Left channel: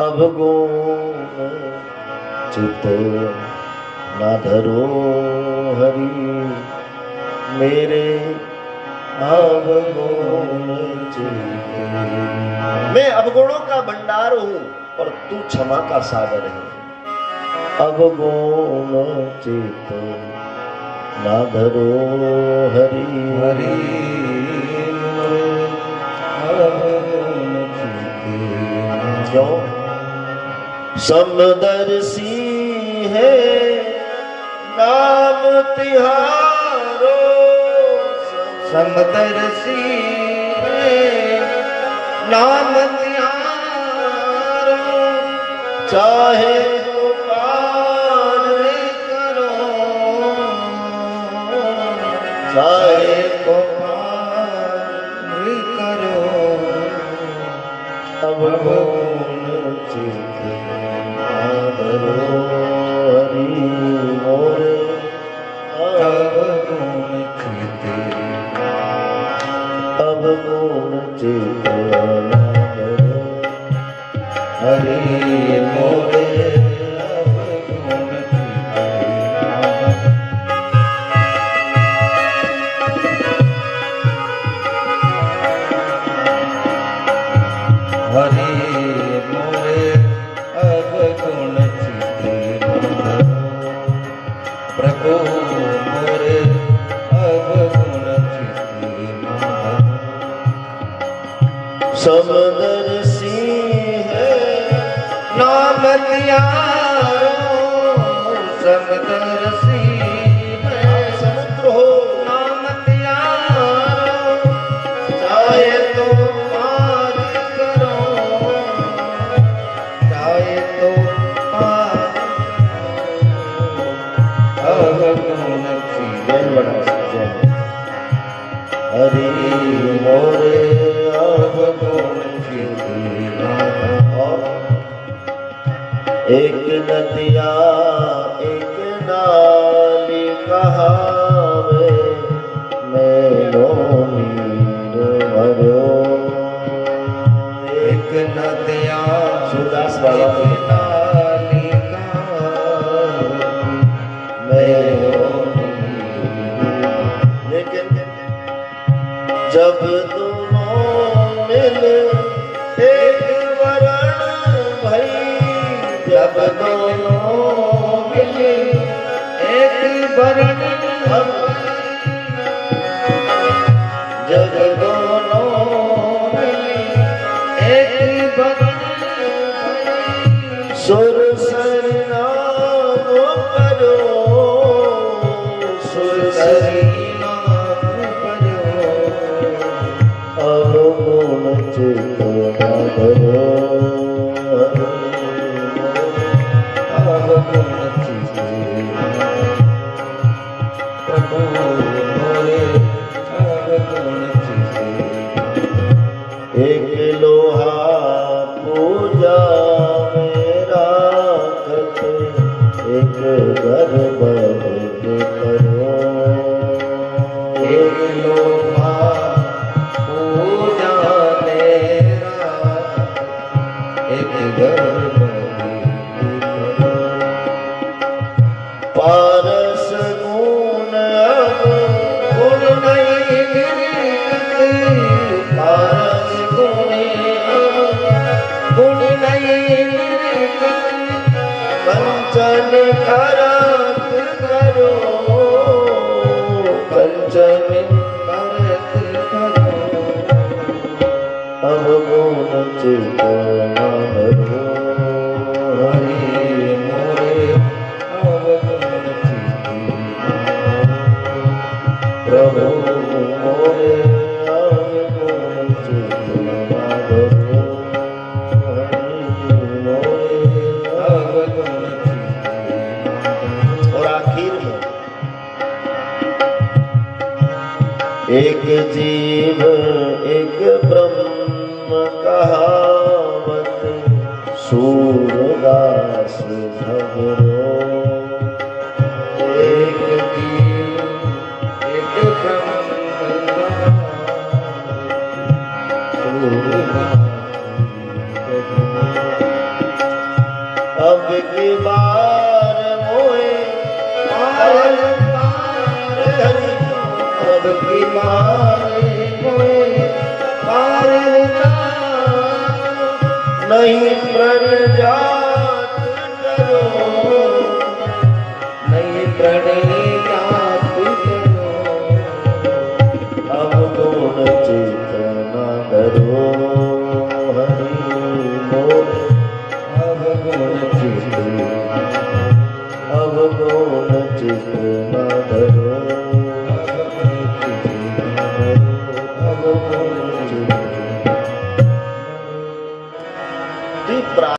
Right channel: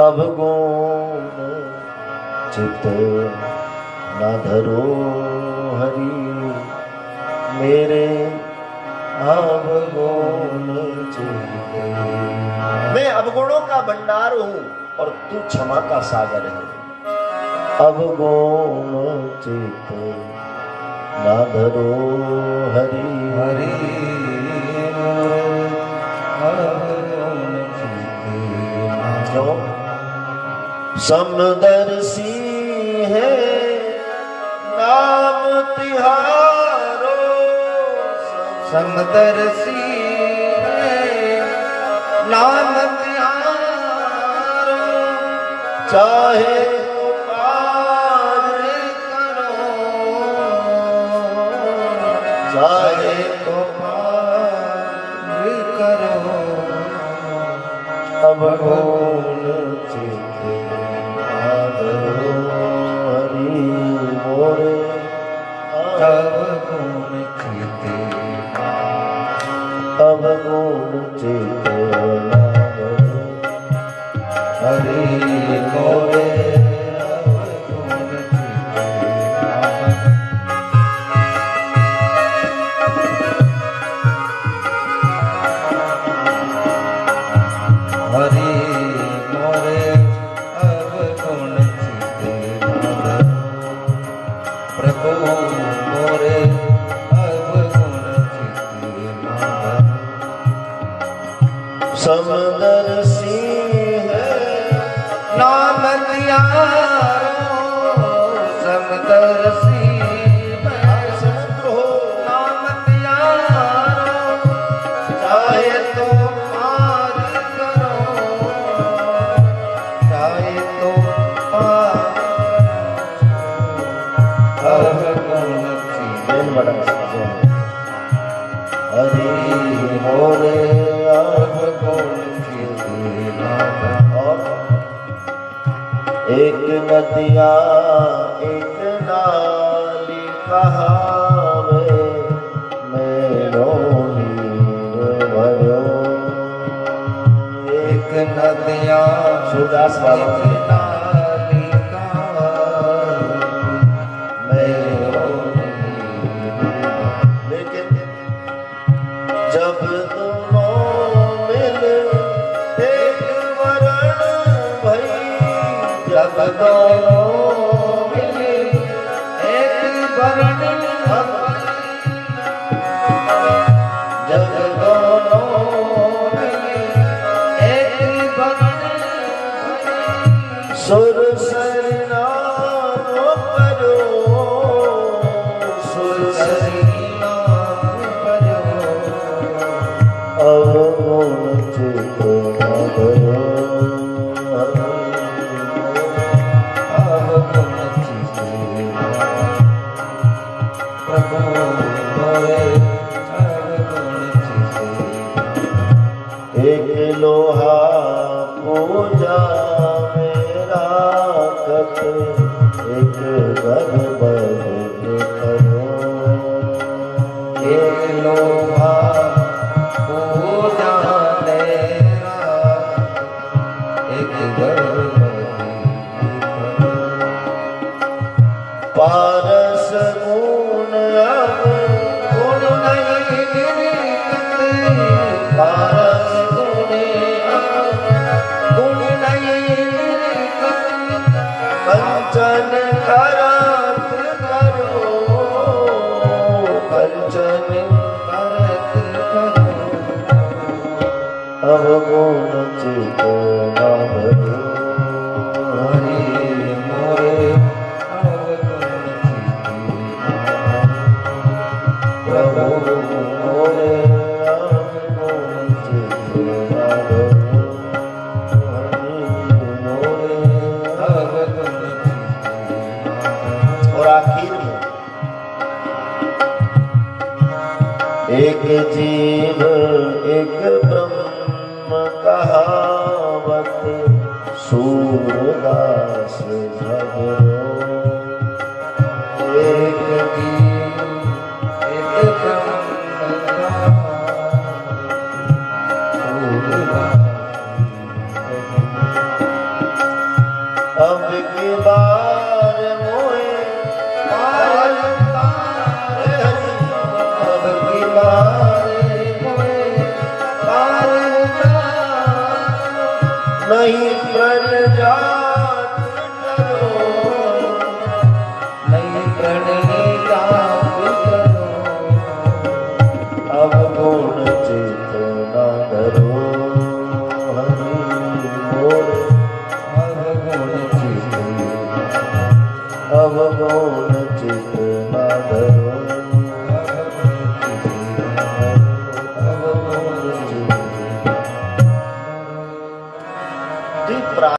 अवगुण चित ना धरो हरि मेरे अवगुण चित। मैं अवगुणों का भंडार हूं और तू क्षमा का सागर है। अवगुण चित ना धरो हरि हरि क्यों? समदर्शी है नाम तिहारो, समदर्शी है नाम तिहारो, चाहे चाहे तो पार करो। अवगुण चित ना धरो हरि मोरे अवगुण चित, अवगुण चित ना धरो हरि मोरे हरि मोरे अवगुण चित ना धरो। प्रभु मोरे अवगुण चित ना धरो। समदर्शी है नाम तिहारो, समदर्शी समुद्र हो नाम तिहारो, चाहे तो पार करो, चाहे तो पार अवगुण चित। हरि मोरे अवगुण चित ना धरो। और एक नदिया एक नाली कहावे मेरो नीर भरो। एक नदिया सूरदास बाबा एक नाली कहावे मेरो लेकिन जब दोनों मिल एक वरण भई, जब दोनों मिले एक वरण जब दोनों मिले एक वरण सुर सरनाम करो, सुर नाम करो। अवगुण चित ना धरो अवगुण चित प्रभु मोरे अवगुण चित। एक लोहा पूजा मेरा कत एक गर्भ करो। एक लोहा पूजा मेरा, एक गर्भ पारस गुण अब गुण नहीं गिरते, पारस गुण गुण नहीं गिरते, कंचन करत करो, कंचन करत करो। अवगुण चित ना धरो हरि मोरे अवगुण चित ना धरो। प्रभु मोरे अवगुण चित ना धरो हरि मोरे। अवगुण चित ना धरो। और आखिर में एक जीव एक ब्रह्म कहावत सूरदास झगड़ो। एक जीव एक ब्रह्म अब की बार मोए पार हरि अब की बार मोए पार नहीं प्रण जात करो नहीं प्रणय जात करो अब गुण चेतना धरो हरि मोर अब गुण चित अब गुण चेतना धरो